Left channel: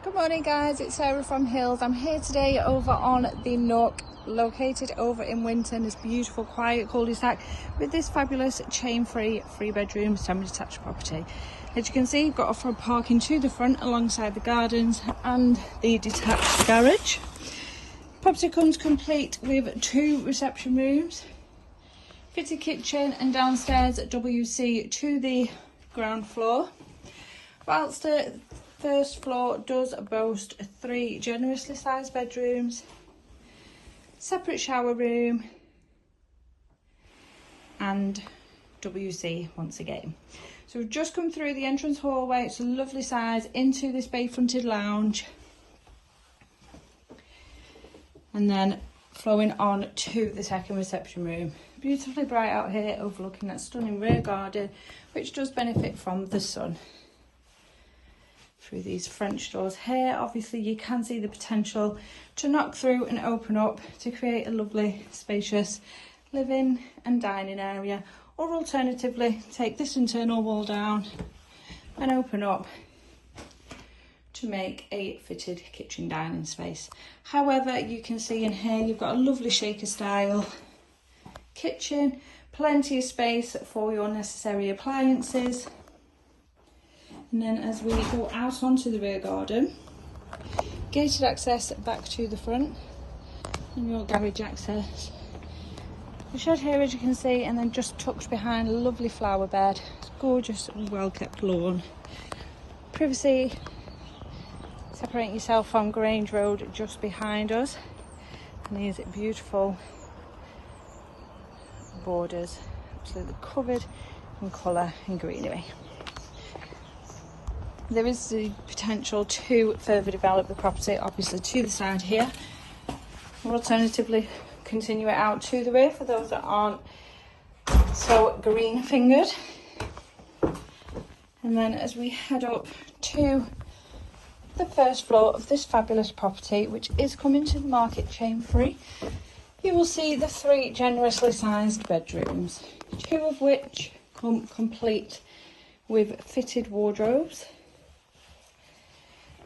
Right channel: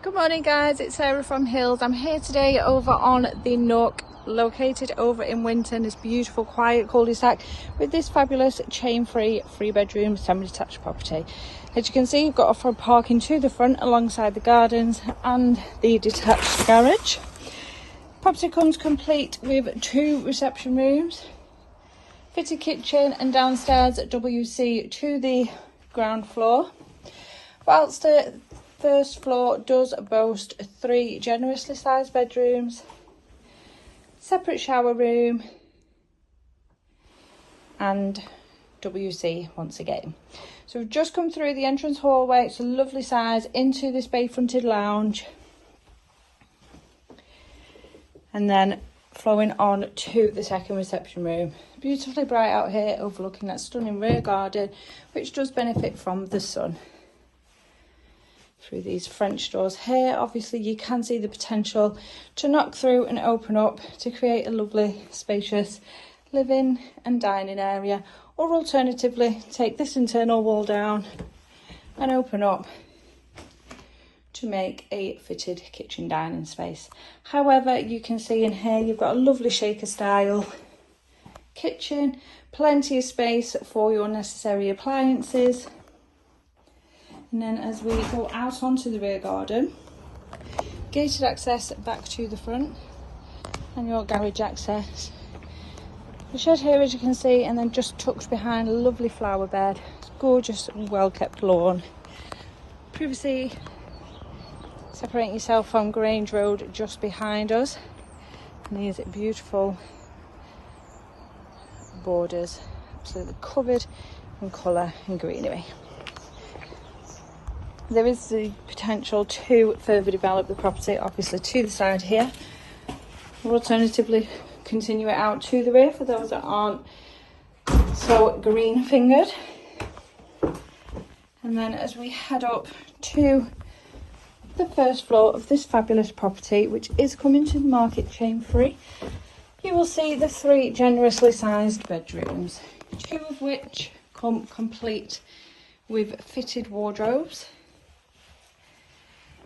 Good morning guys, it's Sarah from Hills. I'm here today over on the Nook, located over in Winton, this beautiful quiet cul-de-sac with this fabulous chain-free 3-bedroom semi-detached property. As you can see, you've got off-road parking to the front alongside the gardens and the detached garage. Property comes complete with 2 reception rooms, fitted kitchen and downstairs WC to the ground floor, whilst the first floor does boast 3 generously sized bedrooms, separate shower room and WC once again. So we've just come through the entrance hallway. It's a lovely size into this bay fronted lounge, and then flowing on to the second reception room. Beautifully bright out here, overlooking that stunning rear garden, which does benefit from the sun. Through these French doors here, obviously you can see the potential to knock through and open up to create a lovely spacious living and dining area, or alternatively take this internal wall down and open up to make a fitted kitchen dining space. However, you can see in here you've got a lovely shaker style kitchen, plenty of space for your necessary appliances. And then as we go out onto the rear garden, gated access back to the front and your garage access. The shed here, as you can see, and then just tucked behind a lovely flower bed, gorgeous and well kept lawn. Privacy separating yourself from Grange Road just behind us, and these beautiful borders, absolutely covered in colour and greenery. There is the potential to further develop the property, obviously to the side here, or alternatively continue it out to the rear for those that aren't so green fingered. And then as we head up to the first floor of this fabulous property, which is coming to the market chain free, you will see the 3 generously sized bedrooms, 2 of which come complete with fitted wardrobes.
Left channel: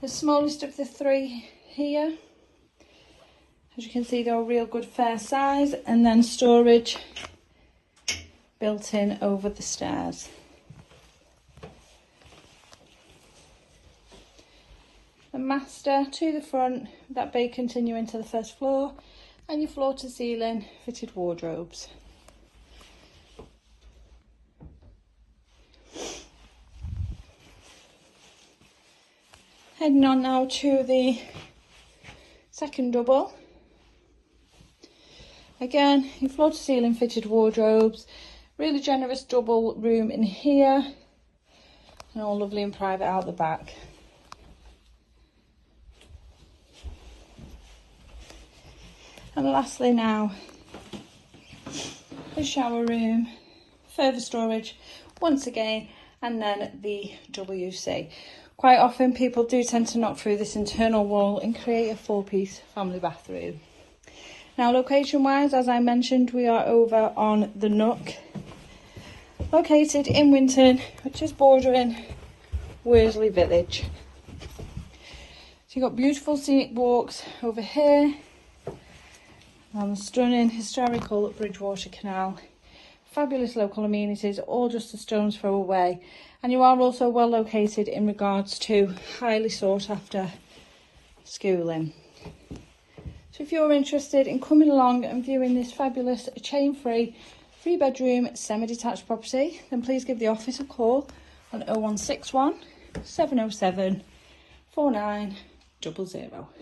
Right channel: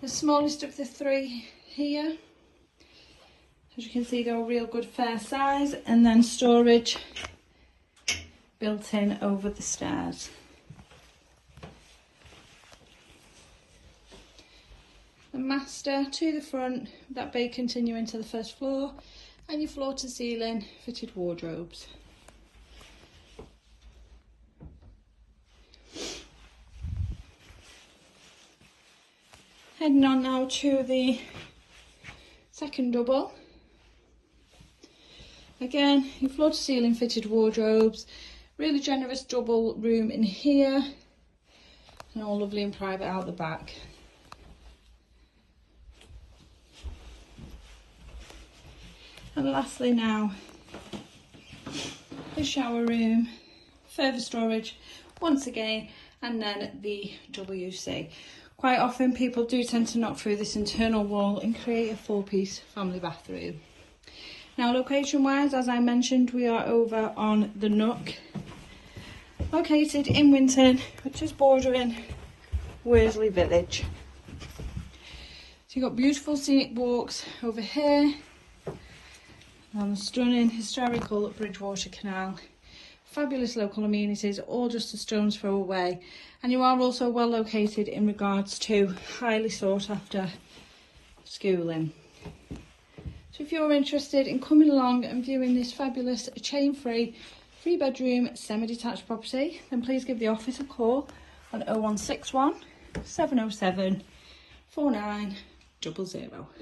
The smallest of the 3 here, as you can see, they're a real good fair size, and then storage built in over the stairs. The master to the front, that bay continuing to the first floor, and your floor to ceiling fitted wardrobes. Heading on now to the second double. Again, your floor to ceiling fitted wardrobes, really generous double room in here, and all lovely and private out the back. And lastly now, the shower room, further storage once again, and then the WC. Quite often people do tend to knock through this internal wall and create a 4-piece family bathroom. Now location wise, as I mentioned, we are over on the Nook, located in Winton, which is bordering Worsley Village. So you've got beautiful scenic walks over here, and the stunning historical Bridgewater Canal. Fabulous local amenities, all just a stone's throw away. And you are also well located in regards to highly sought after schooling. So if you're interested in coming along and viewing this fabulous chain-free 3-bedroom semi-detached property, then please give the office a call on 0161 707 4900.